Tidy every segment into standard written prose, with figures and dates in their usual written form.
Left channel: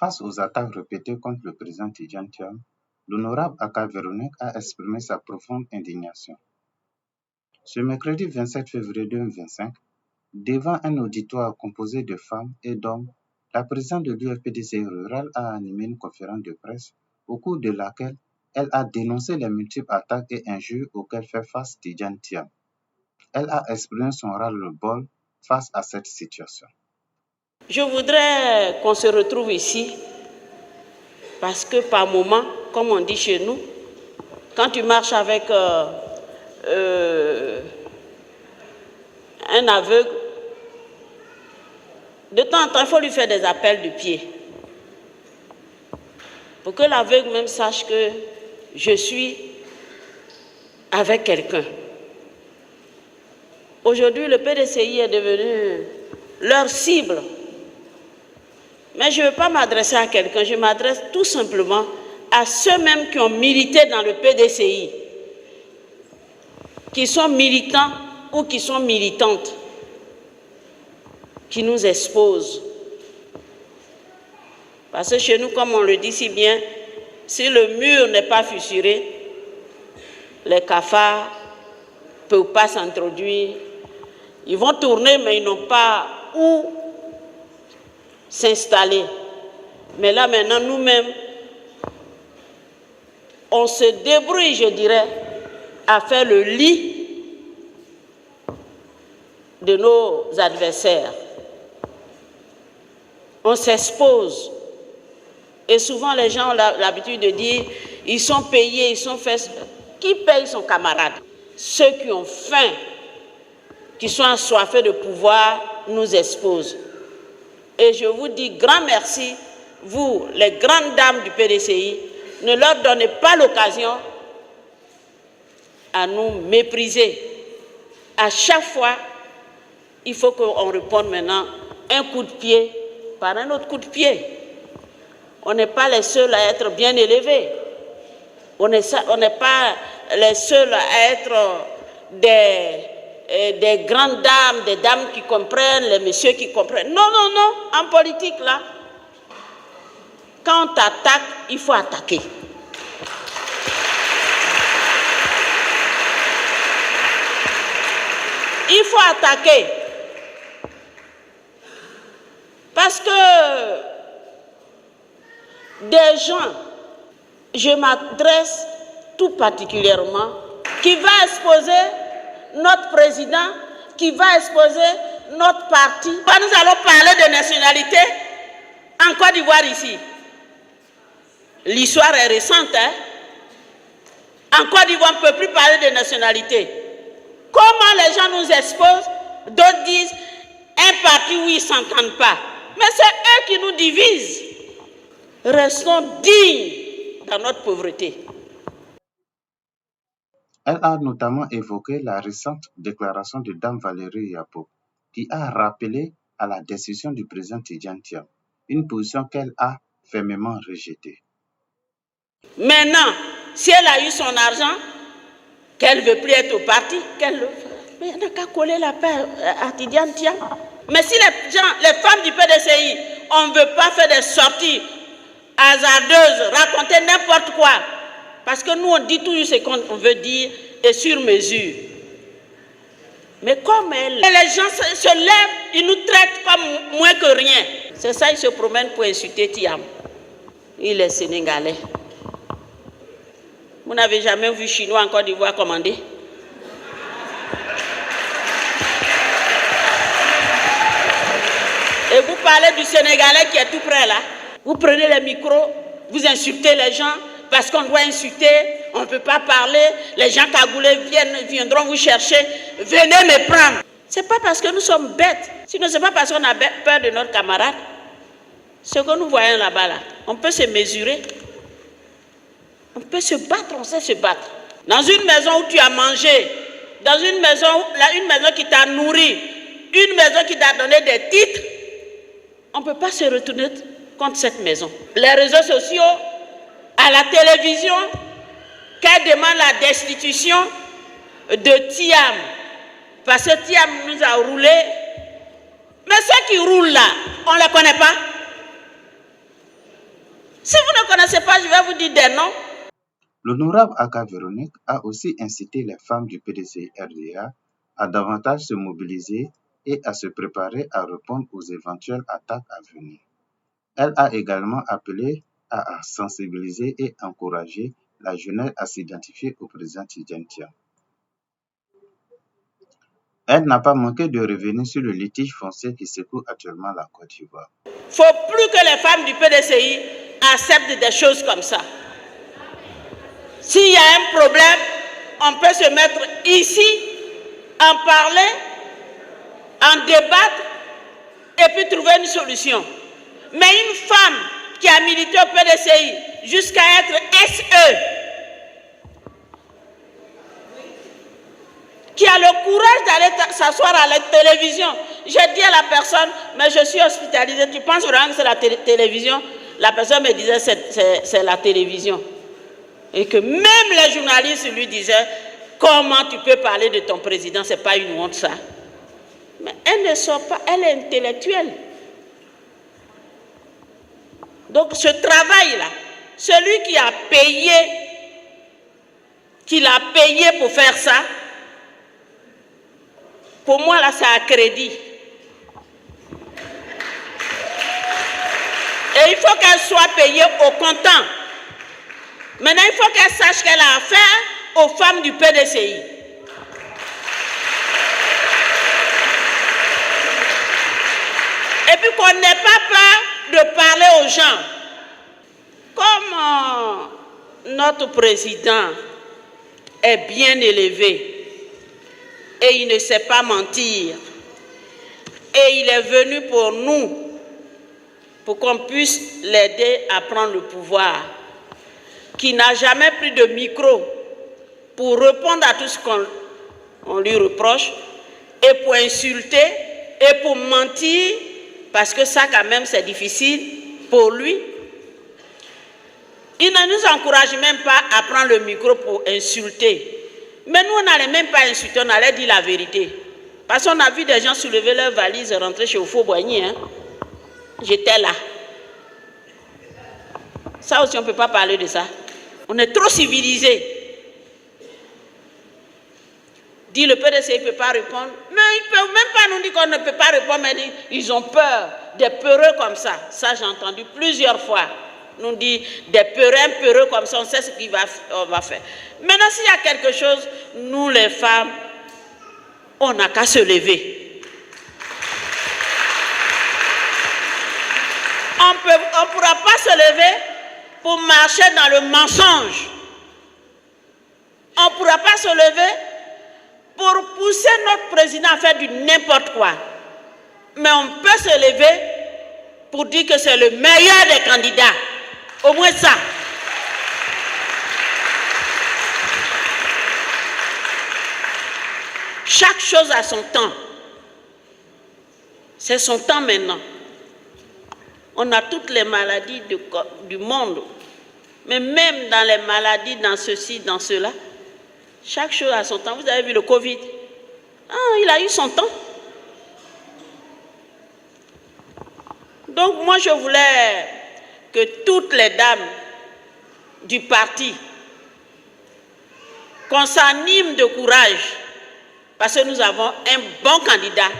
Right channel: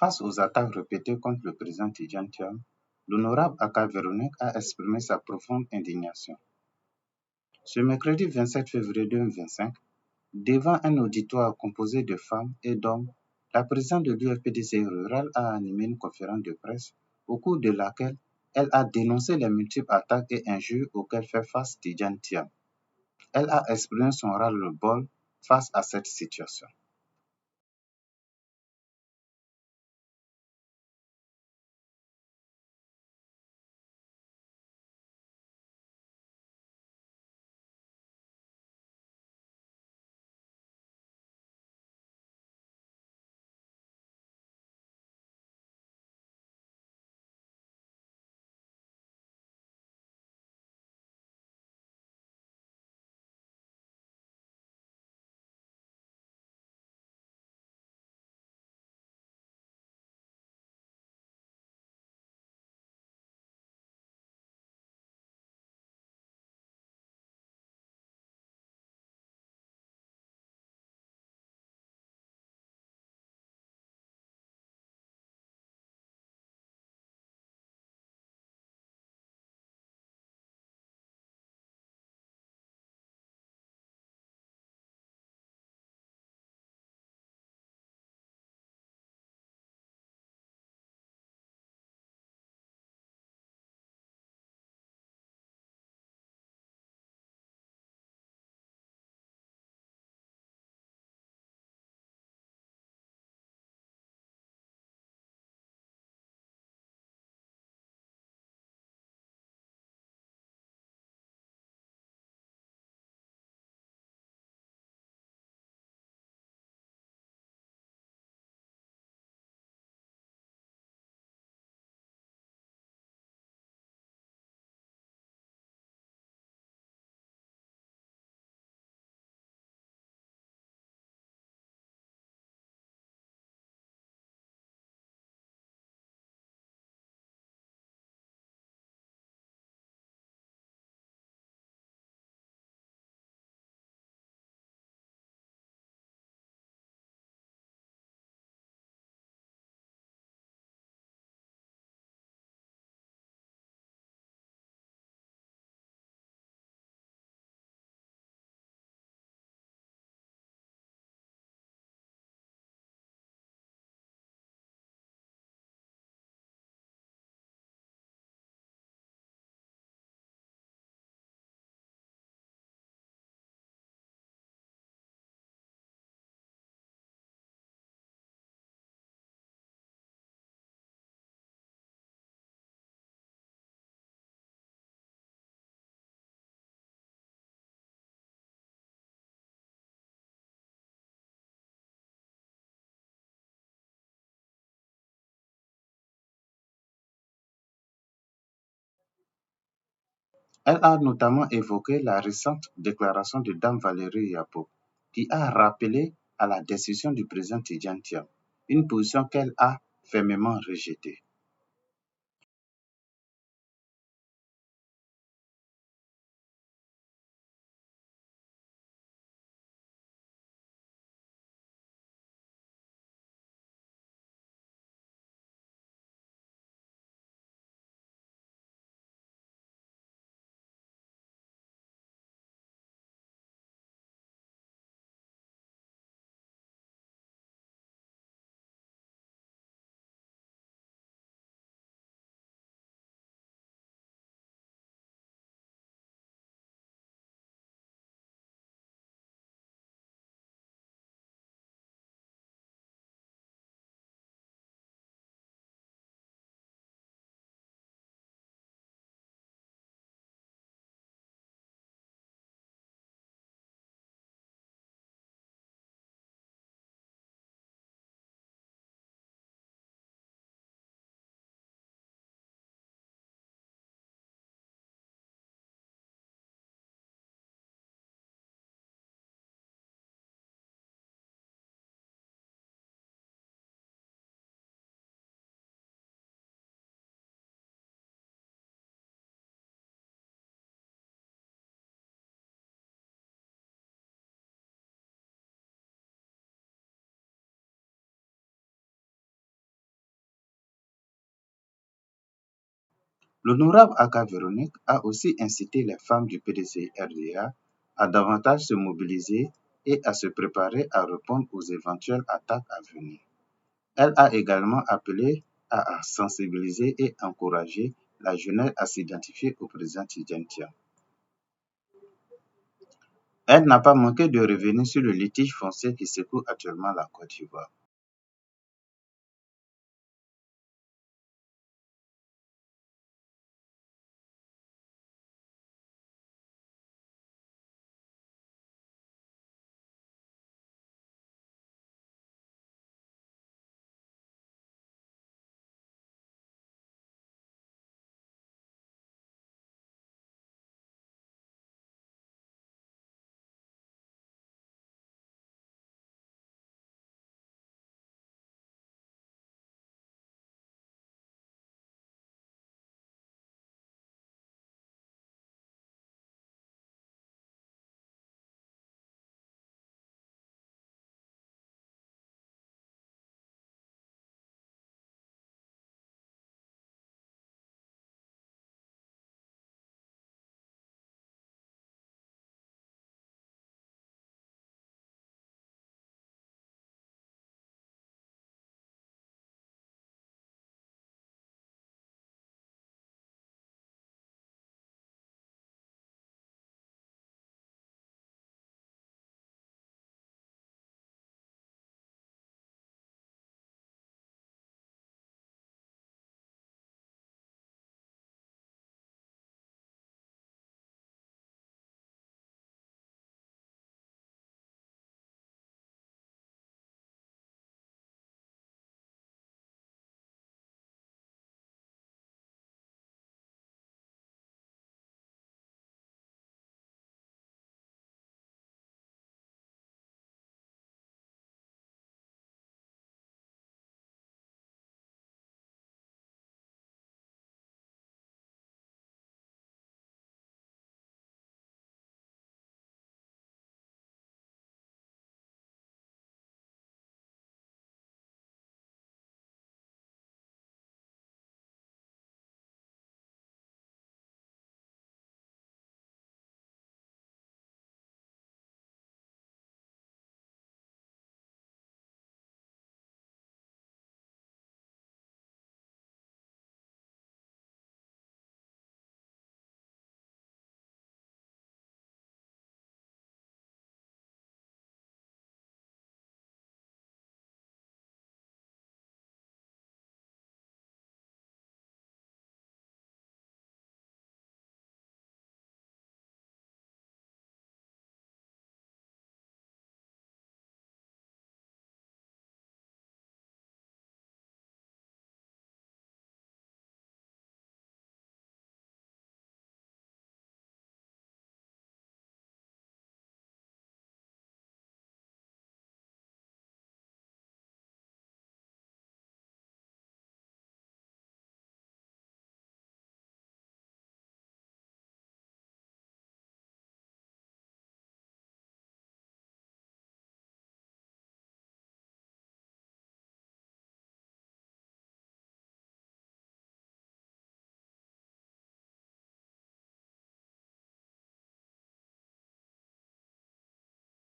Face aux attaques répétées contre le président Tidjane Thiam, l'honorable Aka Véronique a exprimé sa profonde indignation. Ce mercredi 27 février 2025, devant un auditoire composé de femmes et d'hommes, la présidente de l'UFPDCI rural a animé une conférence de presse au cours de laquelle elle a dénoncé les multiples attaques et injures auxquelles fait face Tidjane Thiam. Elle a exprimé son ras-le-bol face à cette situation. Je voudrais qu'on se retrouve ici parce que par moment, comme on dit chez nous, quand tu marches avec un aveugle, de temps en temps, il faut lui faire des appels de pied pour que l'aveugle même sache que je suis avec quelqu'un. Aujourd'hui, le PDCI est devenu leur cible. Mais je ne veux pas m'adresser à quelqu'un, je m'adresse tout simplement à ceux-mêmes qui ont milité dans le PDCI, qui sont militants ou qui sont militantes, qui nous exposent. Parce que chez nous, comme on le dit si bien, si le mur n'est pas fissuré, les cafards ne peuvent pas s'introduire. Ils vont tourner, mais ils n'ont pas où s'installer. Mais là, maintenant, nous-mêmes, on se débrouille, je dirais, à faire le lit de nos adversaires. On s'expose. Et souvent, les gens ont l'habitude de dire, ils sont payés, ils sont faits. Qui paye son camarade? Ceux qui ont faim, qui sont assoiffés de pouvoir, nous exposent. Et je vous dis grand merci, vous, les grandes dames du PDCI, ne leur donnez pas l'occasion à nous mépriser. À chaque fois, il faut qu'on réponde maintenant un coup de pied par un autre coup de pied. On n'est pas les seuls à être bien élevés. On n'est pas les seuls à être des grandes dames, des dames qui comprennent, les messieurs qui comprennent. Non, non, non, en politique, là, quand on t'attaque, il faut attaquer. Il faut attaquer. Parce que des gens, je m'adresse tout particulièrement, qui va exposer notre président, qui va exposer notre parti. Nous allons parler de nationalité en Côte d'Ivoire ici. L'histoire est récente, hein? En Côte d'Ivoire, on ne peut plus parler de nationalité. Comment les gens nous exposent? D'autres disent un parti où ils ne s'entendent pas. Mais c'est eux qui nous divisent. Restons dignes dans notre pauvreté. Elle a notamment évoqué la récente déclaration de Dame Valérie Yapo, qui a rappelé à la décision du président Tidjane Thiam, une position qu'elle a fermement rejetée. Maintenant, si elle a eu son argent, qu'elle ne veut plus être au parti, qu'elle le fasse. Mais il n'y a qu'à coller la paix à Tidjane Thiam. Mais si les femmes du PDCI, on ne veut pas faire des sorties hasardeuses, raconter n'importe quoi, parce que nous, on dit toujours ce qu'on veut dire et sur mesure. Mais comme les gens se lèvent, ils nous traitent comme moins que rien. C'est ça, ils se promènent pour insulter Thiam. Il est sénégalais. Vous n'avez jamais vu Chinois en Côte d'Ivoire commander? Et vous parlez du Sénégalais qui est tout près là. Vous prenez les micros, vous insultez les gens parce qu'on doit insulter, on ne peut pas parler. Les gens cagoulés viendront vous chercher. Venez me prendre. Ce n'est pas parce que nous sommes bêtes. Sinon, ce n'est pas parce qu'on a peur de notre camarade. Ce que nous voyons là-bas, là, on peut se mesurer. On peut se battre, on sait se battre. Dans une maison où tu as mangé, dans une maison qui t'a nourri, une maison qui t'a donné des titres, on ne peut pas se retourner contre cette maison. Les réseaux sociaux, à la télévision, qu'elle demande la destitution de Thiam, parce que Thiam nous a roulé. Mais ceux qui roulent là, on ne les connaît pas. Si vous ne connaissez pas, je vais vous dire des noms. L'honorable Aka Véronique a aussi incité les femmes du PDCI-RDA à davantage se mobiliser et à se préparer à répondre aux éventuelles attaques à venir. Elle a également appelé à sensibiliser et encourager la jeunesse à s'identifier au président Tidjane Thiam. Elle n'a pas manqué de revenir sur le litige foncier qui secoue actuellement la Côte d'Ivoire. Il ne faut plus que les femmes du PDCI acceptent des choses comme ça. S'il y a un problème, on peut se mettre ici, en parler, en débattre et puis trouver une solution. Mais une femme qui a milité au PDCI jusqu'à être SE, qui a le courage d'aller s'asseoir à la télévision. J'ai dit à la personne, mais je suis hospitalisée, tu penses vraiment que c'est la télévision? La personne me disait, c'est la télévision. Et que même les journalistes lui disaient, comment tu peux parler de ton président, c'est pas une honte ça. Mais elle ne sort pas, elle est intellectuelle. Donc ce travail-là, celui qui a payé, qui l'a payé pour faire ça, pour moi là, c'est à crédit. Et il faut qu'elle soit payée au comptant. Maintenant, il faut qu'elle sache qu'elle a affaire aux femmes du PDCI. Et puis qu'on n'ait pas peur de parler aux gens. Comme notre président est bien élevé et il ne sait pas mentir, et il est venu pour nous, pour qu'on puisse l'aider à prendre le pouvoir, qui n'a jamais pris de micro pour répondre à tout ce qu'on lui reproche, et pour insulter, et pour mentir, parce que ça quand même c'est difficile pour lui. Il ne nous encourage même pas à prendre le micro pour insulter. Mais nous, on n'allait même pas insulter, on allait dire la vérité. Parce qu'on a vu des gens soulever leurs valises et rentrer chez Oufo-Boigny. Hein. J'étais là. Ça aussi, on ne peut pas parler de ça. On est trop civilisés. Dit le PDC, il ne peut pas répondre. Mais ils ne peuvent même pas nous dire qu'on ne peut pas répondre, mais ils ont peur, des peureux comme ça. Ça, j'ai entendu plusieurs fois. Nous dit des peureux comme ça, on sait ce qu'on va faire. Maintenant, s'il y a quelque chose, nous les femmes, on n'a qu'à se lever. On ne pourra pas se lever pour marcher dans le mensonge. On ne pourra pas se lever pour pousser notre président à faire du n'importe quoi. Mais on peut se lever pour dire que c'est le meilleur des candidats. Au moins ça. Chaque chose a son temps. C'est son temps maintenant. On a toutes les maladies du monde. Mais même dans les maladies, dans ceci, dans cela, chaque chose a son temps. Vous avez vu le Covid? Il a eu son temps. Donc moi, je voulais que toutes les dames du parti, qu'on s'anime de courage, parce que nous avons un bon candidat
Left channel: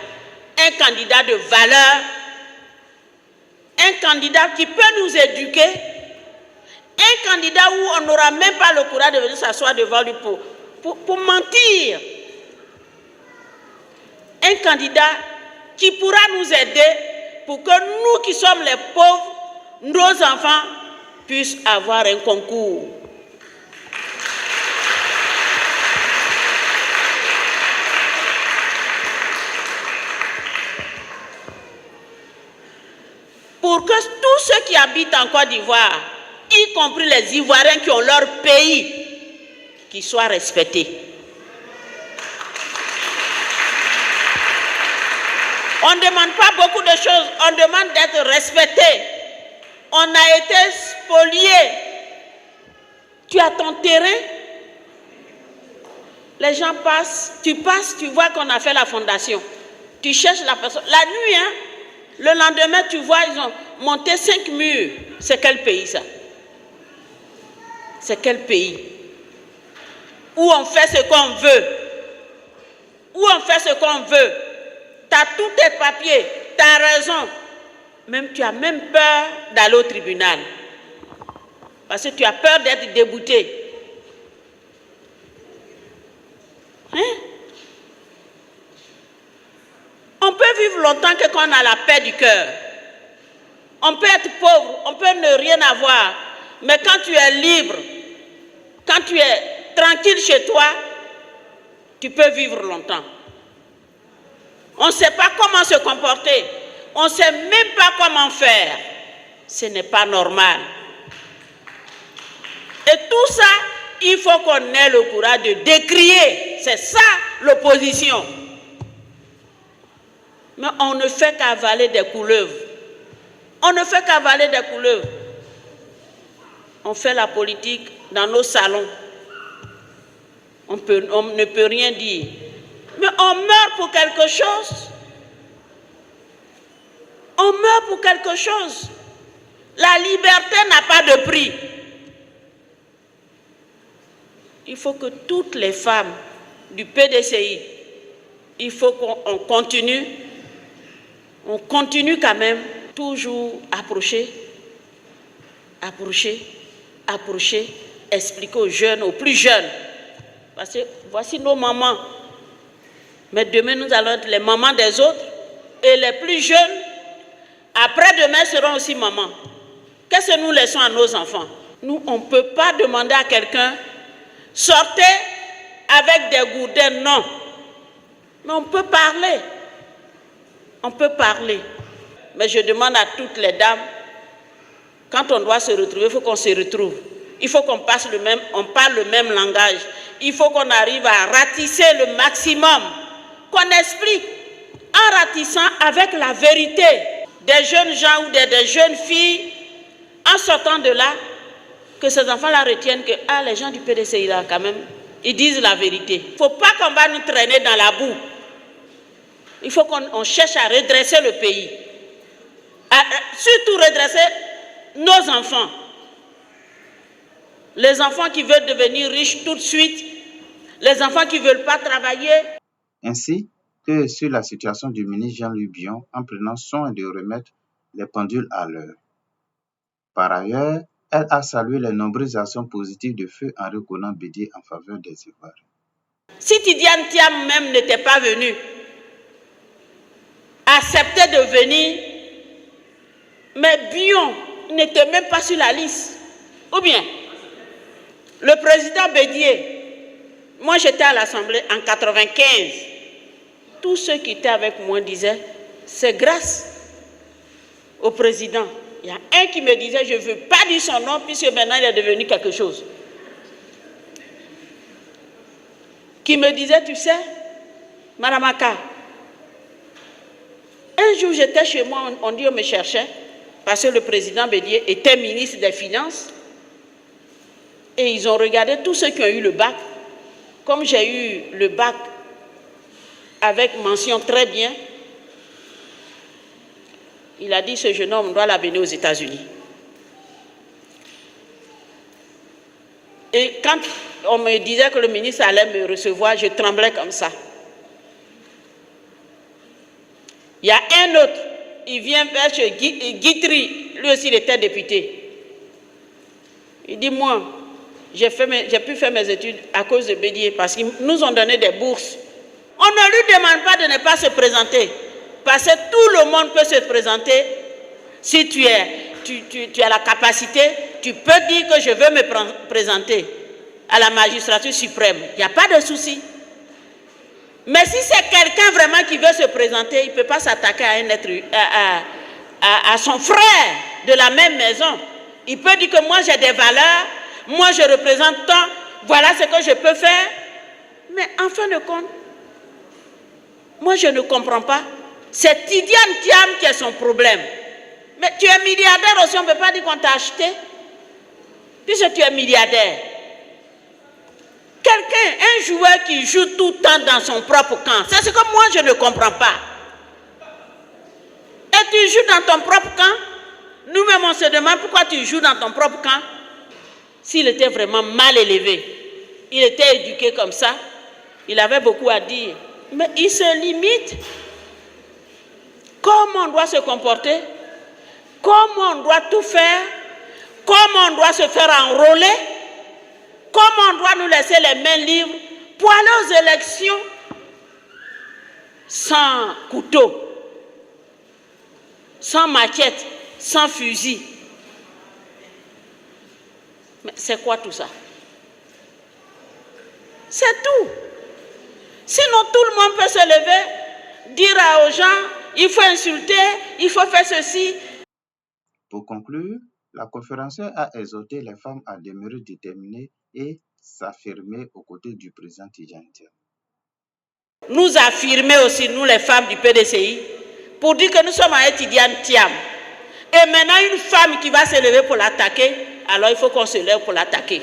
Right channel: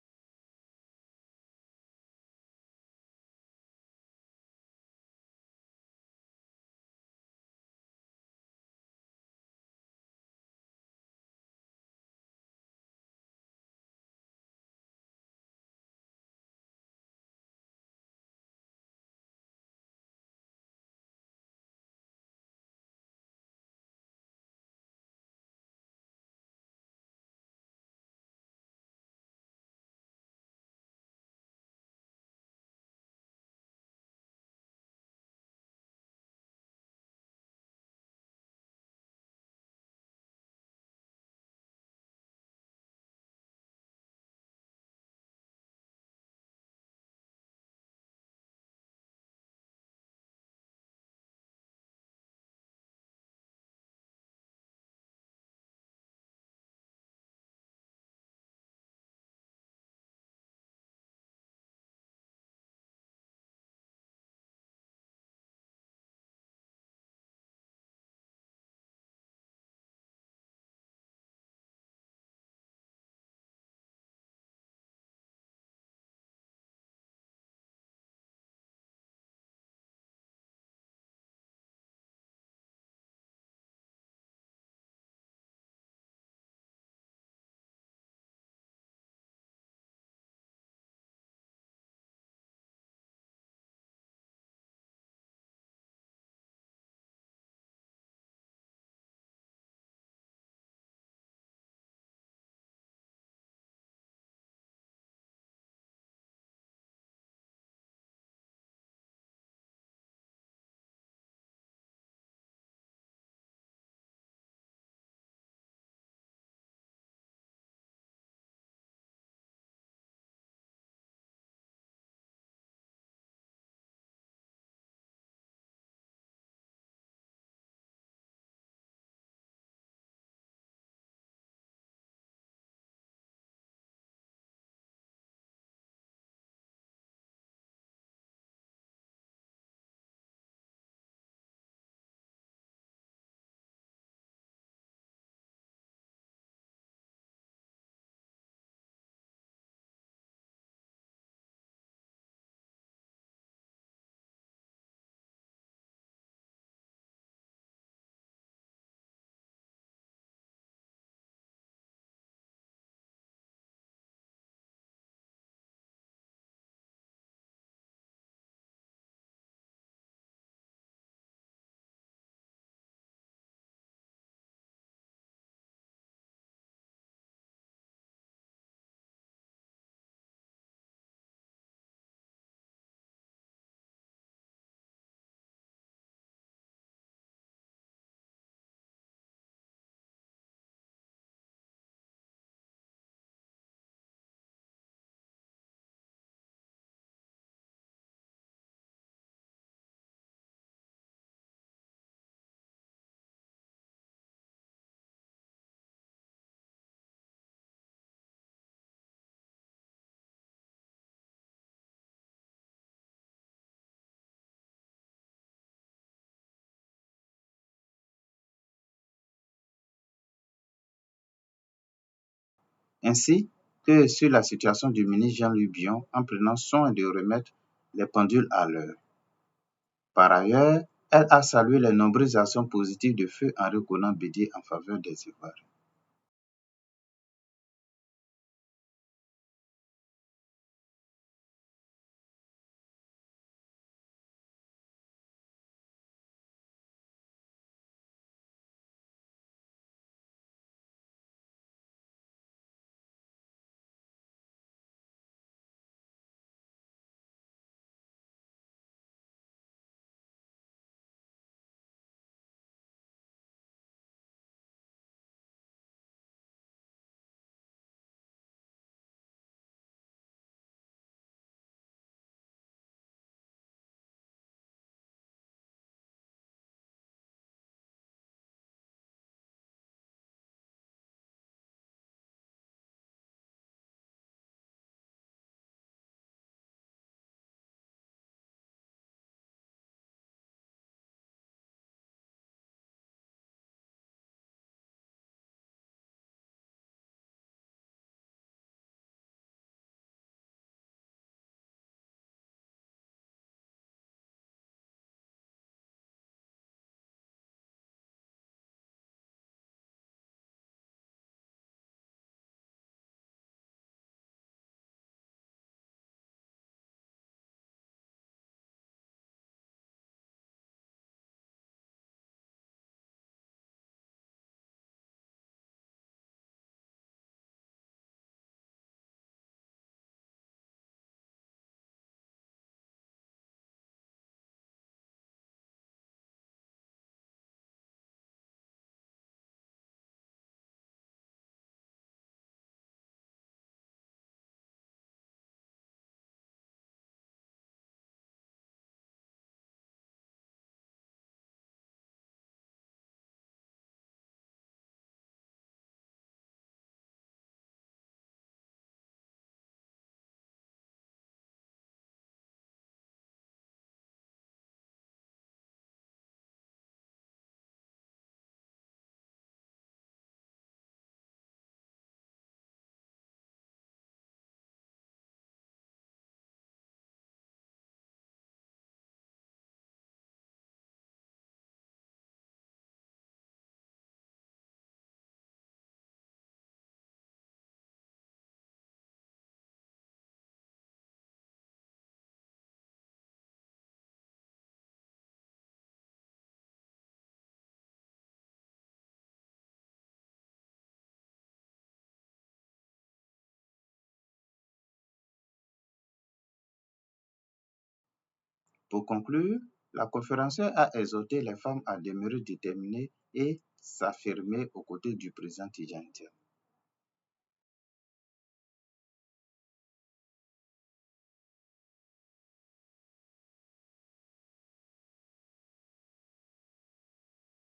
de valeur, un candidat qui peut nous éduquer, un candidat où on n'aura même pas le courage de venir s'asseoir devant lui pour mentir. Un candidat qui pourra nous aider pour que nous qui sommes les pauvres, nos enfants puissent avoir un concours. Pour que tous ceux qui habitent en Côte d'Ivoire, y compris les Ivoiriens qui ont leur pays, qu'ils soient respectés. On ne demande pas beaucoup de choses, on demande d'être respecté. On a été spolié. Tu as ton terrain, les gens passent, tu vois qu'on a fait la fondation. Tu cherches la personne. La nuit, le lendemain, tu vois, ils ont monté 5 murs. C'est quel pays ça? c'est quel pays? Où on fait ce qu'on veut. Où on fait ce qu'on veut. Tu as tous tes papiers, tu as raison. Même, tu as même peur d'aller au tribunal. Parce que tu as peur d'être débouté. Hein? On peut vivre longtemps que quand on a la paix du cœur. On peut être pauvre, on peut ne rien avoir. Mais quand tu es libre, quand tu es tranquille chez toi, tu peux vivre longtemps. On ne sait pas comment se comporter. On ne sait même pas comment faire. Ce n'est pas normal. Et tout ça, il faut qu'on ait le courage de décrier. C'est ça l'opposition. Mais on ne fait qu'avaler des couleuvres. On ne fait qu'avaler des couleuvres. On fait la politique dans nos salons. On ne peut rien dire. Mais on meurt pour quelque chose. On meurt pour quelque chose. La liberté n'a pas de prix. Il faut que toutes les femmes du PDCI, il faut qu'on continue. On continue quand même, toujours approcher, expliquer aux jeunes, aux plus jeunes. Parce que voici nos mamans. Mais demain, nous allons être les mamans des autres. Et les plus jeunes, après-demain, seront aussi mamans. Qu'est-ce que nous laissons à nos enfants? Nous, on ne peut pas demander à quelqu'un, sortez avec des gourdins, non. Mais on peut parler. On peut parler. Mais je demande à toutes les dames, quand on doit se retrouver, il faut qu'on se retrouve. Il faut qu'on parle le même langage. Il faut qu'on arrive à ratisser le maximum. Qu'on explique en ratissant avec la vérité. Des jeunes gens ou des jeunes filles, en sortant de là, que ces enfants-là retiennent que les gens du PDCI, là, quand même, ils disent la vérité. Il ne faut pas qu'on va nous traîner dans la boue. Il faut qu'on cherche à redresser le pays. Surtout redresser nos enfants. Les enfants qui veulent devenir riches tout de suite. Les enfants qui ne veulent pas travailler. Ainsi que sur la situation du ministre Jean-Louis Billon en prenant soin de remettre les pendules à l'heure. Par ailleurs, elle a salué les nombreuses actions positives de feu Henri Konan Bédié en faveur des Ivoiriens. Si Tidiane Thiam même n'était pas venu, accepter de venir, mais Billon n'était même pas sur la liste. Ou bien, le président Bédié, moi j'étais à l'Assemblée en 1995, tous ceux qui étaient avec moi disaient, c'est grâce au président. Il y a un qui me disait, je ne veux pas dire son nom, puisque maintenant il est devenu quelque chose. Qui me disait, tu sais, Madame Aka, un jour j'étais chez moi, on dit on me cherchait, parce que le président Bédié était ministre des Finances, et ils ont regardé tous ceux qui ont eu le bac. Comme j'ai eu le bac avec mention très bien, il a dit, ce jeune homme doit l'amener aux États-Unis. Et quand on me disait que le ministre allait me recevoir, je tremblais comme ça. Il y a un autre, il vient vers chez Guitry, lui aussi il était député. Il dit, moi, j'ai pu faire mes études à cause de Bédié, parce qu'ils nous ont donné des bourses. On ne lui demande pas de ne pas se présenter, parce que tout le monde peut se présenter. Si tu as la capacité, tu peux dire que je veux me présenter à la magistrature suprême. Il n'y a pas de souci. Mais si c'est quelqu'un vraiment qui veut se présenter, il ne peut pas s'attaquer à un être, à son frère de la même maison. Il peut dire que moi j'ai des valeurs, moi je représente tant, voilà ce que je peux faire. Mais en fin de compte, moi je ne comprends pas. C'est Tidiane Thiam qui est son problème. Mais tu es milliardaire aussi, on ne peut pas dire qu'on t'a acheté. Puisque tu es milliardaire. Quelqu'un, un joueur qui joue tout le temps dans son propre camp, c'est ce que moi je ne comprends pas. Et tu joues dans ton propre camp. Nous-mêmes on se demande pourquoi tu joues dans ton propre camp. s'il était vraiment mal élevé, il était éduqué comme ça, il avait beaucoup à dire. Mais il se limite. Comment on doit se comporter, comment on doit tout faire, comment on doit se faire enrôler, comment on doit nous laisser les mains libres pour aller aux élections sans couteau, sans machette, sans fusil. Mais c'est quoi tout ça? C'est tout. Sinon, tout le monde peut se lever, dire aux gens, il faut insulter, il faut faire ceci. Pour conclure, la conférencière a exhorté les femmes à demeurer déterminées et s'affirmer aux côtés du président Tidjane Thiam. Nous affirmer aussi, nous les femmes du PDCI, pour dire que nous sommes avec Tidjane Thiam. Et maintenant, une femme qui va se lever pour l'attaquer, alors il faut qu'on se lève pour l'attaquer.